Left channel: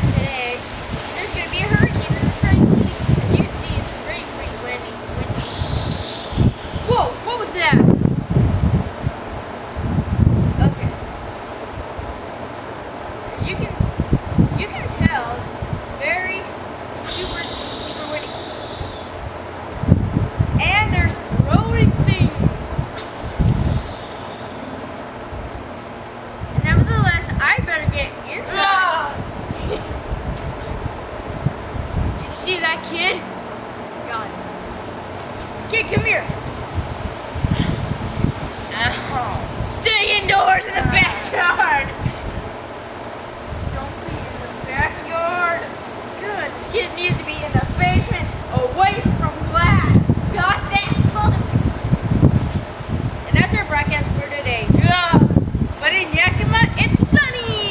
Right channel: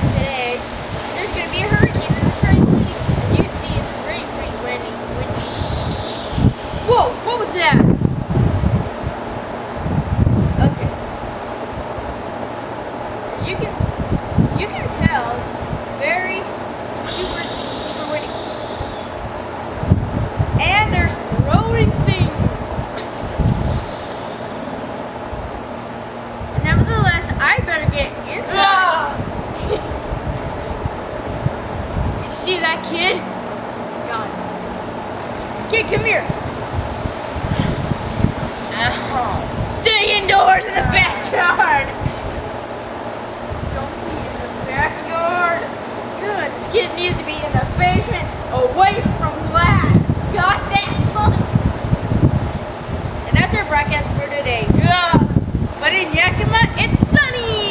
broadcast today, there's going to be a hurricane in the Tri-Cities. As you see, it's pretty windy. Whoa, what was that? Okay. As you can tell, it's very super windy. And there's throwing things. And nevertheless, I better get inside. You see that kid? Got it. Kid, come here. Stay indoors in the backyard. Don't be in the backyard. Good. This kid needs to be in the basement, away from glass. Got that fun. And that's our broadcast for today. But in Yakima, it's sunny.